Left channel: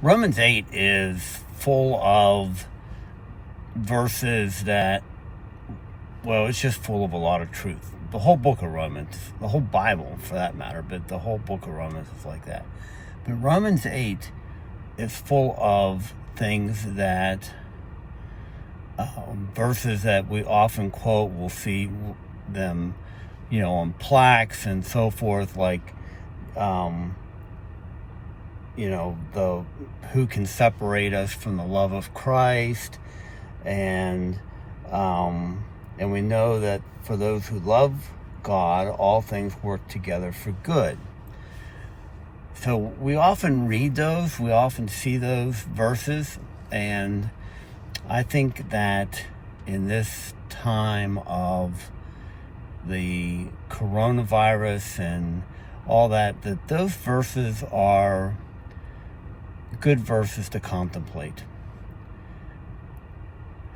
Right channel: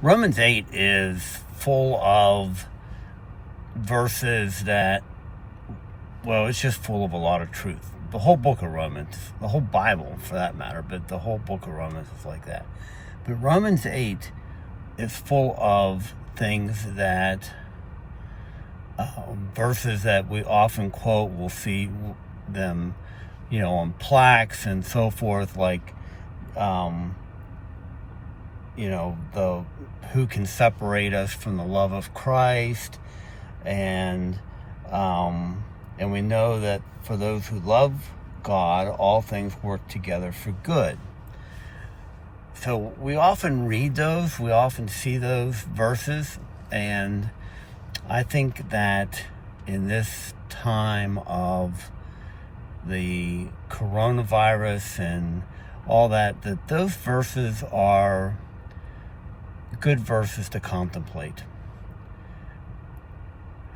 Romans 8 is full of verses that, well, it's just full of a lot of truth. The whole book of Romans, the whole Bible for that matter, but the whole book of Romans is like that. But Romans 8 is full of things that, verses that we often quote, we'll see them, on plaques and so forth, like, the who can separate us from the love of Christ, and we know that for those who love God, all things work together for good. So we often read those, we often see those verses, and I think that in this time of the coronavirus and all that those verses are good verses to contemplate.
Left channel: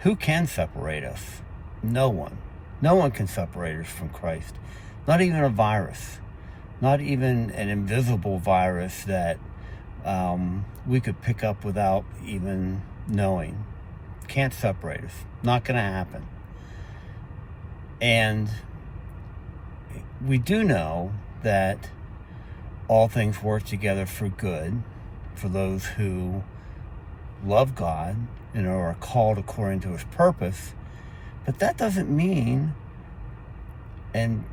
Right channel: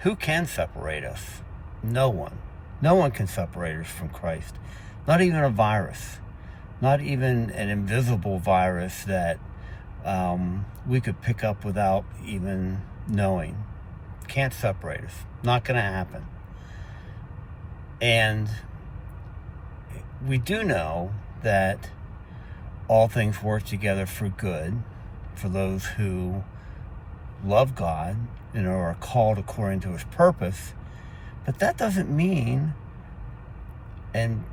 Who can separate us? No one. No one can separate us from Christ. Not even a virus. Not even an invisible virus that we could pick up without even knowing. Can't separate us. Not going to happen. And we do know that all things work together for good for those who love God and are called according to his purpose. But that doesn't mean, and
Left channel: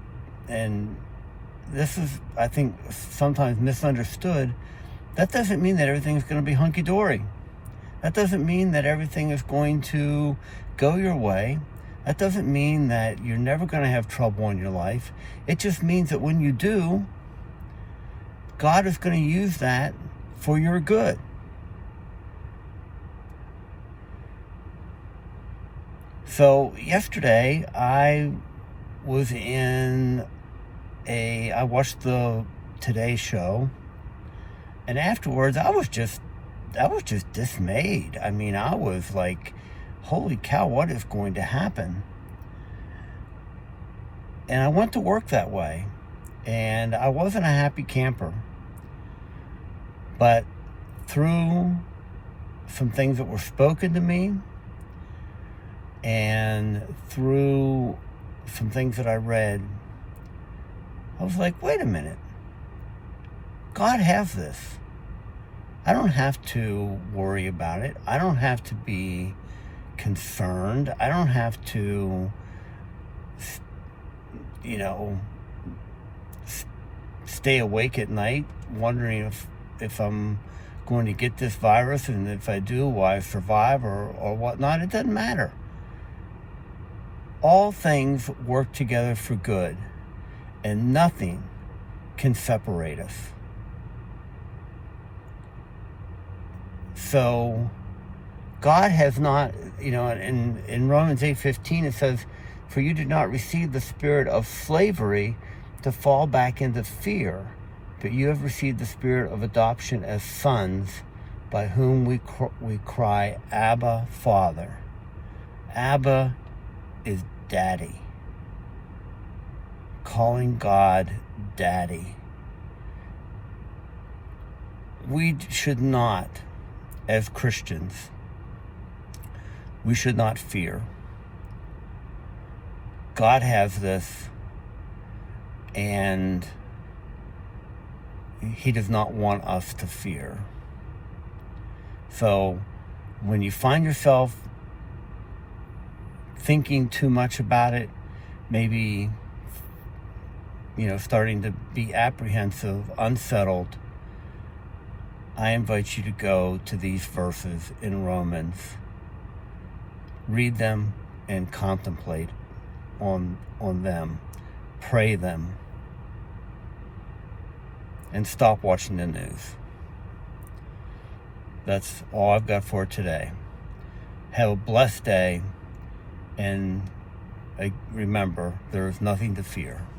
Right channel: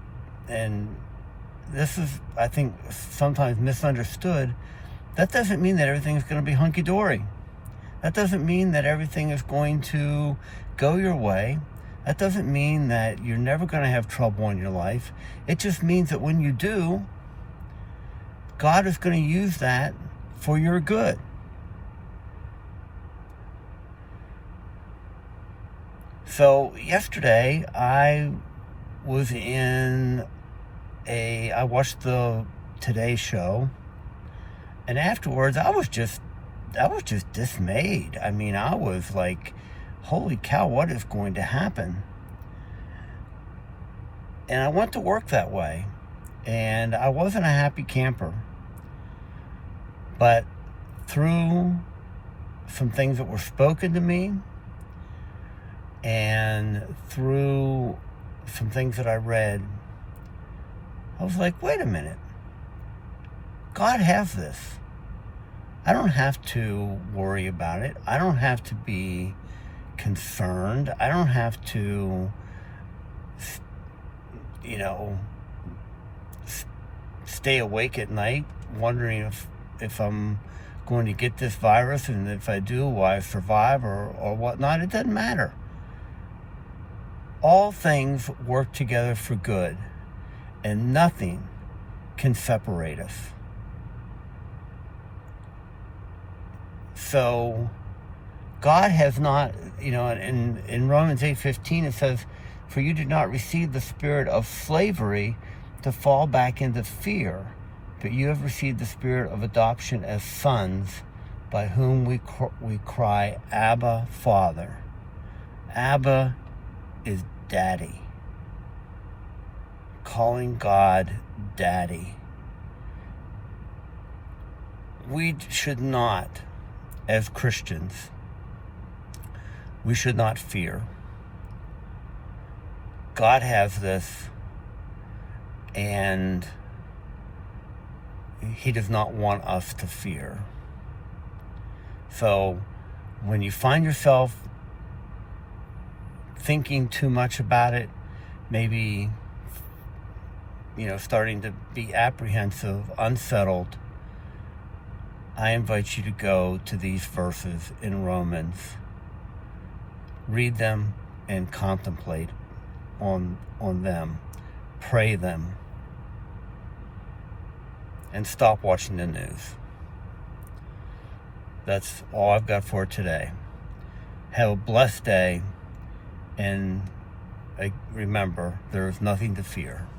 this is, I think, sometimes misunderstood, that doesn't mean that everything's going to be hunky-dory. That doesn't mean that everything is going to go your way. That doesn't mean that you're never going to have trouble in your life. It just means that when you do, God is going to use that for your good. So yesterday I was I watched the Today Show, and afterwards I was just dismayed. I mean, I was like, holy cow, what is going to happen? And I went to work that way, and I wasn't a happy camper. But through some things that were spoken to me, and through some things that I read, I was like, wait a minute. God has this. I don't have to worry about it. I don't have to be concerned. I don't have to, stay awake at night wondering if I'm going to get this virus, and if I do, will I survive or whatnot. It doesn't matter. All things work together for good, and nothing can separate us. So God has not, in Romans 8:15 it says, for you did not receive the spirit of slavery to fall back into fear, but you have received the spirit of adoption as sons, by whom we cry, Abba, Father. Abba is Daddy. Calling God Daddy. We should not, as Christians, we should not fear. God has this, and he does not want us to fear. So when you find yourself thinking too much about it, maybe, starting to be apprehensive, unsettled, I invite you to go to these verses in Romans. Read them and contemplate on them. Pray them. And stop watching the news. That's all I've got for today. Have a blessed day, and remember, there is nothing to fear.